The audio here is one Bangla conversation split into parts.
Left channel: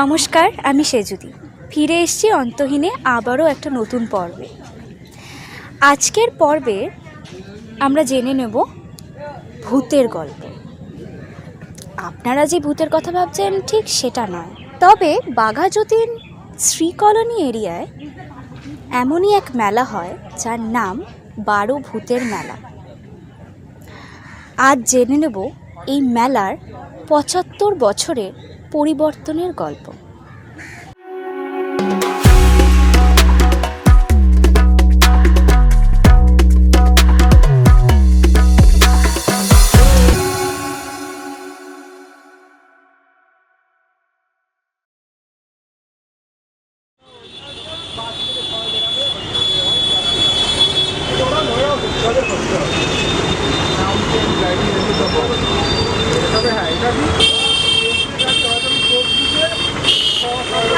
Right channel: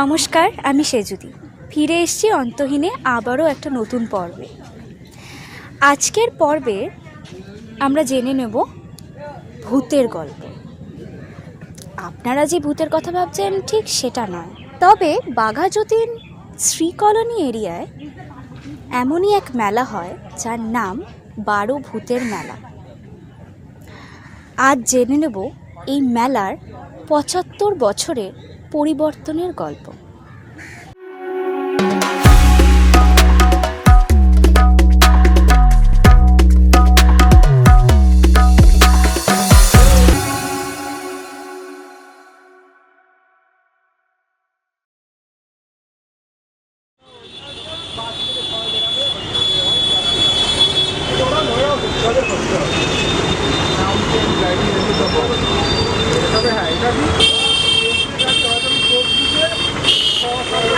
নমস্কার, আমি সেজুদি ফিরে এসেছি অন্তহীনে আবারও একটা নতুন পর্বে। আজকের পর্বে আমরা জেনে নেব ভূতের গল্প। আপনারা যে ভূতের কথা ভাবছেন ঠিক সেটা নয়, তবে বাঘাযতীন শ্রীকলোনি এরিয়ায় এমনই এক মেলা হয় যার নাম 12 ভূতের মেলা। আজ জেনে নেব এই মেলার 75 বছরের পরিবর্তনের গল্প।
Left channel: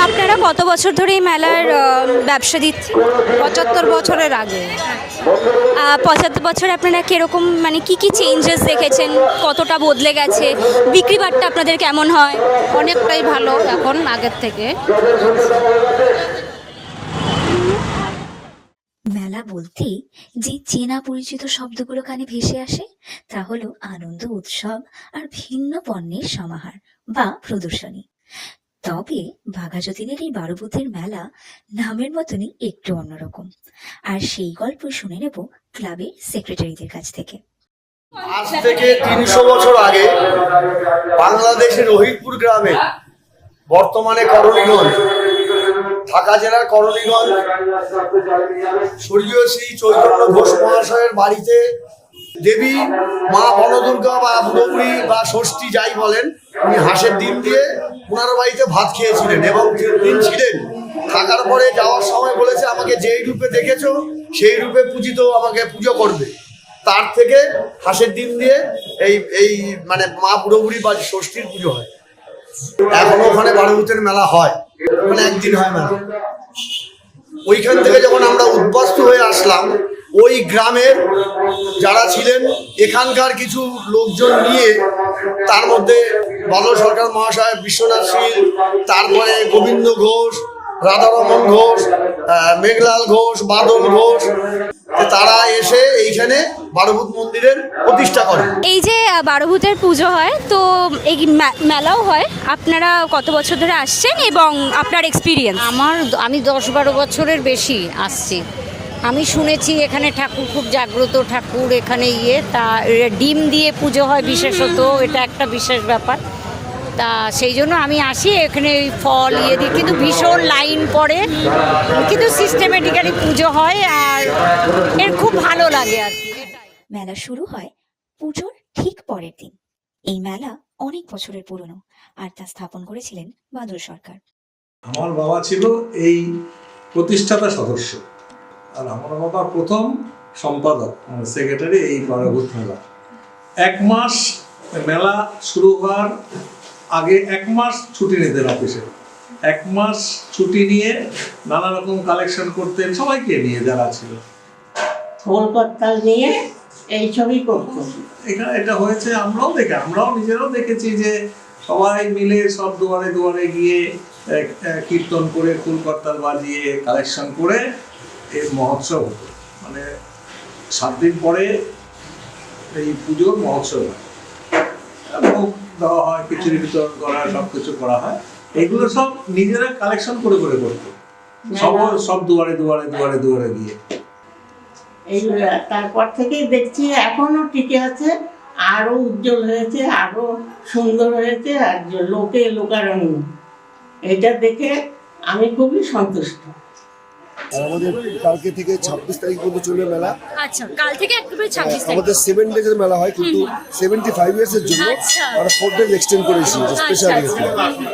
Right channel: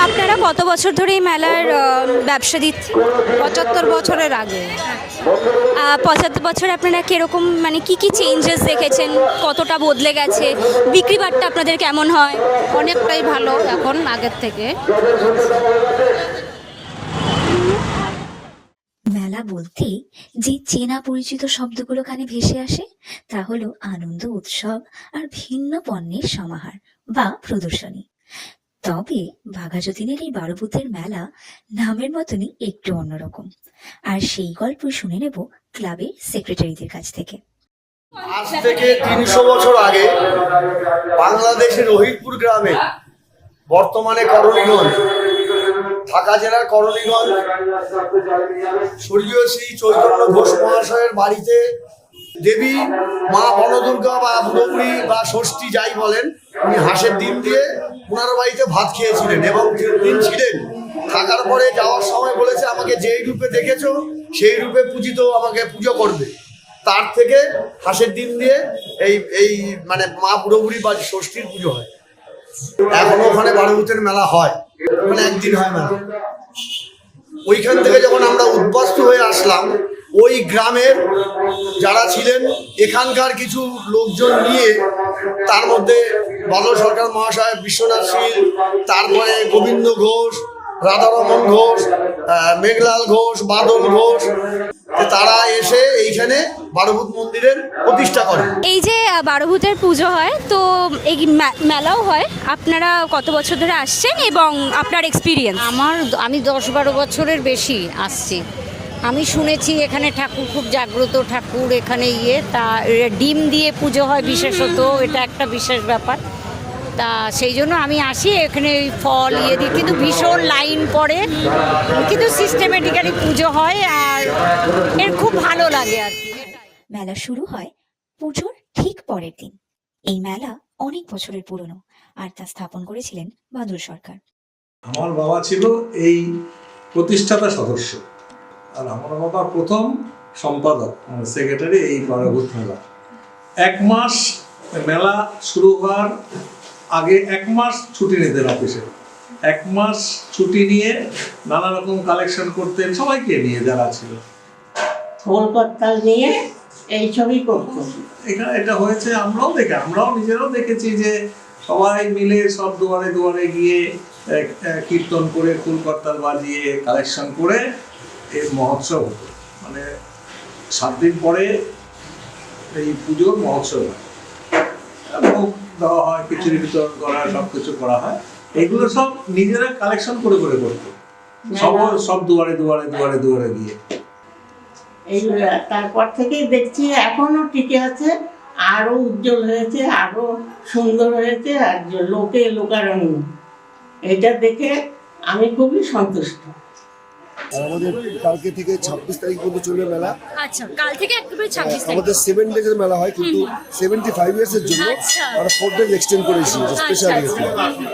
আপনারা কত বছর ধরে এই মেলার ব্যবসা দিচ্ছেন? 75 বছরের আগে। 75 বছর আপনারা কীরকম, মানে কি কি চেঞ্জেস দেখেছেন, কতটা বদলে গেছে, বিক্রি বাট্টা আপনাদের কেমন হয়? অনেকটাই ভালো এখন আগের থেকে। মেলা বলতেই যে চেনা পরিচিত শব্দগুলো কানে ভেসে আসে তা হলো আনন্দ, উৎসব আর ভিন্ন পণ্যের সমাহার বা প্রদর্শনী। তবে বাঘাযতীনের এই 12 ভূতের মেলা নামের মতনই একটু অন্যরকম, আর সেই গল্প শুনে নেব ক্লাবের সেক্রেটারিদের কাছ থেকে। আজ থেকে 300 বছর আগে বাংলাদেশের রহিতপুর গ্রামে, বর্তমানে করণীগঞ্জ, ঢাকা জেলার করণীগঞ্জ, স্বর্গীয় শ্রী চৈতন্য ঘোষ মহাশয়ের বাড়িতে দেবী মা বনদুর্গা বা বুড়োবুড়ি বা ষষ্ঠী যাই বলেন, উনি হাঁসের ডিম দিয়ে ওনার বাড়িতে ভাত খেয়েছিলেন এবং 3 দিন ছিলেন। থাকার পরে যাওয়ার সময় বলেছে, আমাকে যেই রূপে দেখেছো সেই রূপে আমাকে পুজো করবে। তার থেকে হাঁসের ডিম দিয়ে এই মানে মা বুড়োবুড়ি বা ষষ্ঠীর পুজো হয়। এখনো ওখানে 12 ভূতের মেলা হয়, ওখানে একদিন হয় মেলা। ওইখান থেকে যখন আমরা উদ্বাস্তু হয়ে আসলাম, ওই গ্রামের যারা ছিলেন এখানকার কিছু লোকজন নিয়ে, তার মধ্যে বাল সরকার মহাশয়, বিশ্বনাথ শীল, তারপরে গোবিন্দ ঘোষ, রাধারমন ঘোষ, মেঘলাল ঘোষ, বাদল ঘোষ, তারা এসে এইখানে 12 ভূত মন্দিরের প্রতিষ্ঠা করেন। এই যে 12 ভূতের পুজো হয়, তো এই মেলাও হয়, আপনারা কত বছর ধরে আসছেন এবং আপনার এক্সপিরিয়েন্স? আমি 10-12 বছরের বেশি আসছি। আমি শুনেছি এখানে ঠাকুর খুব জাগ্রত ঠাকুর, এখানে তা ডিম দিয়ে পুজো হয় বিশেষত, এটা একটা বিশেষ ব্যাপার। তা সেই জন্য আমি আসি এখানে, ফল দিই, কিন্তু ভীষণ লাইন পড়ে, কিন্তু সিস্টেমেটিক্যালি পুজো হয় আর এর খুব ভালো লাগে আর কি। মেলা শুরু হয় পুজোর ঠিক পরের দিন। এই মেলা অনেক বছরের পুরনো, আর তা স্থাপন করেছিলেন বাদল সরকার। আমার বাবা ছিল এই প্রতিষ্ঠাতা সদস্য, আর আমার বাবা প্রথম সম্পাদক, সেক্রেটারি এই 12 ভূত মেলা। 1 মাস মেলা শুরু হওয়ার আগে 1 মাস ছুটি নিতেন অফিসে। 1 মাস ছুটি নিয়ে নানা রকম কালেকশন করতেন, সবাইকে নিয়ে যারা ছিল, কলকাতা নিয়ে এইসবই করতো। এখানে এটা হয়েছে, আমরাও নিজেরাও দেখেছি যে সবাই মিলে সব দুয়ারে দুয়ারে গিয়ে কীর্তন করে, কুলকর্তাল বাজিয়ে কালেকশন করে এই মহোৎসব হতো। মানে 7 দিন পরে এই পুজোর মহোৎসব হয়, ভোগ দেওয়া হয়, খিচুড়ি বিতরণ করা হয়, সব কিছু করা হয়। এগুলো সব নিজেরা কালেকশন করে করে করতো, সব দুয়ারে দুয়ারে দুয়ারে দুয়ারে গিয়ে। তারপর থেকেই দেখছি এখনো টিকে আছে, আরো উজ্জ্বল হয়েছে, আরো সুন্দর হয়েছে, আর লোকে লোকারণ্য। এটা দেখে আমি খুবই সন্তুষ্ট। আমাদের কালকে থেকে 26 তারিখ পর্যন্ত চলবে মেলা। আচ্ছা, কাল থেকে একেবারে 26 তারিখ। আমাদের 7 ডেজের মেলা হয়, কিন্তু 75 ইয়ার্সের জন্য আমরা 4 ডেজ এক্সটেন্ড করেছি স্পেশাল ইয়েতে।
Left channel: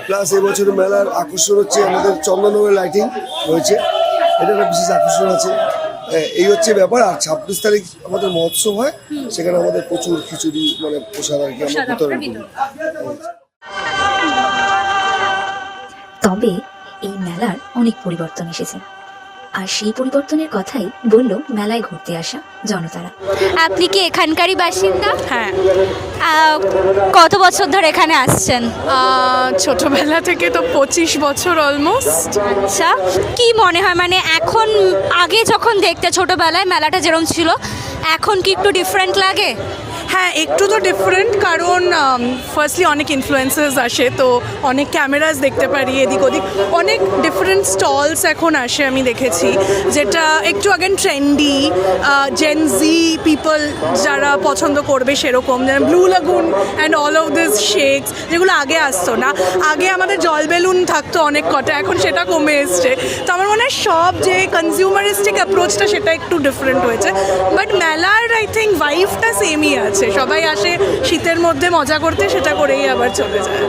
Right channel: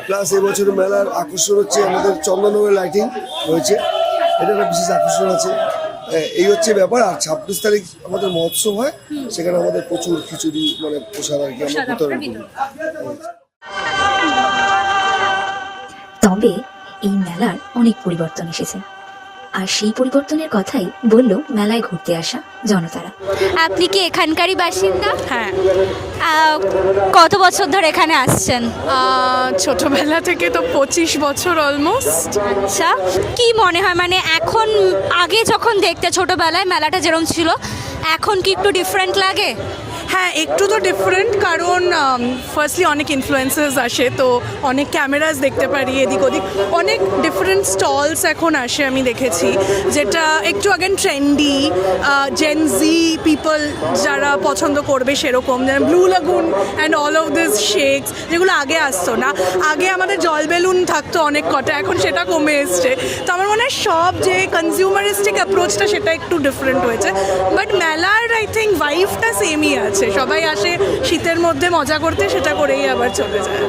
প্লাস এবছর মেলার আকর্ষণ হচ্ছে আমাদের চন্দননগরের লাইটিং রয়েছে, এটা একটা বিশেষ আকর্ষণ আছে। এই হচ্ছে ব্যাপার। আর 26 তারিখ আমাদের মহোৎসব হয়, সেখানে আমাদের প্রচুর খিচুড়ি, মানে প্রসাদ আর কি আমরা বিতরণ করি। তবে এই মেলার অনেক পরিবর্তন এসেছে। আর সেই পরিবর্তনের কথাই বলল মেলায় ঘুরতে আসা জনতারা। আপনি কি এখানকারই বাসিন্দা? হ্যাঁ, কত বছর ধরে এখানে আসছেন? ছোটবেলা থেকে তো 25 বছর অলমোস্ট। আচ্ছা, কি মনে হয় মানে এখন আগে যখন দেখতে ছোটবেলায় মেলাটা যেরকম ছিল এখন কি একটু ডিফারেন্ট লাগে? হ্যাঁ, একটু তো ডিফারেন্ট, কারণ ফার্স্টলি অনেক ইনফ্লুয়েন্সার্স আসে, তো অনেক ক্যামেরাস দেখতে পারি এদিক ওদিক, অনেক ডিফারেন্ট স্টলস এখন আসে আমি দেখেছি, যেটা একটু আগেন ট্রেন্ডি জেনজি পিপল যারা পছন্দ করবে সেরকম, blue lagoon and all of this shakes, যেগুলো আগে আসতো না। আগে আমাদের জল বেলুন থাকতো অনেক কটা, এখন সেটা কমে এসছে। তো আমার মনে হয় সব যে কনজিউমারিস্টিক অ্যাপ্রোচটা সেটা একটু ডিফারেন্ট হয়েছে, বাট মেলার আই থিঙ্ক ভাইবটা সেমই আছে। সবাই আসে শীতের মধ্যে মজা করতে, সেটা করেই আবার চলে যায়।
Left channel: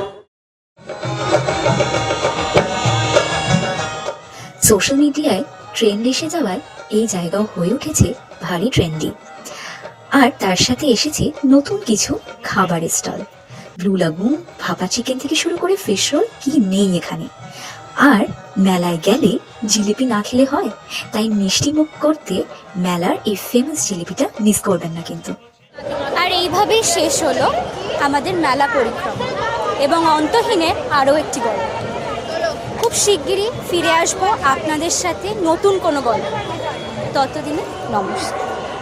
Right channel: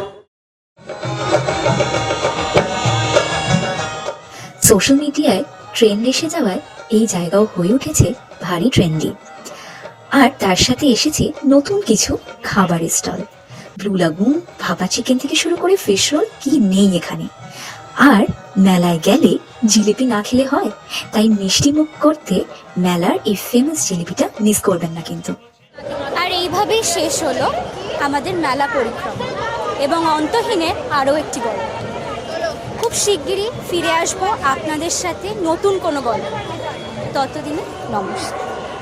সোশ্যাল মিডিয়ায় ট্রেন্ড এসে যাওয়ায় এই জায়গাও হয়ে উঠেছে ভারী ট্রেন্ডি। আর তার সাথে এসেছে নতুন কিছু খাবারের স্টল। ব্লু লাগুন, ভাপা চিকেন থেকে শুরু করে ফিশ রোল, কি নেই এখানে। আর মেলায় গেলে জিলিপি না খেলে হয়, তাই মিষ্টি মুখ করতে মেলার এই ফেমাস জিলিপিটা মিস করবেন না কিন্তু। আর এইভাবেই শেষ হলো আমাদের মেলা পরিক্রমা এবং অন্তহীনের আরও একটি গল্প। খুব শিগগিরই ফিরে আসবো আপনাদের সাথে নতুন কোনো গল্প। ততদিনে নমস্কার।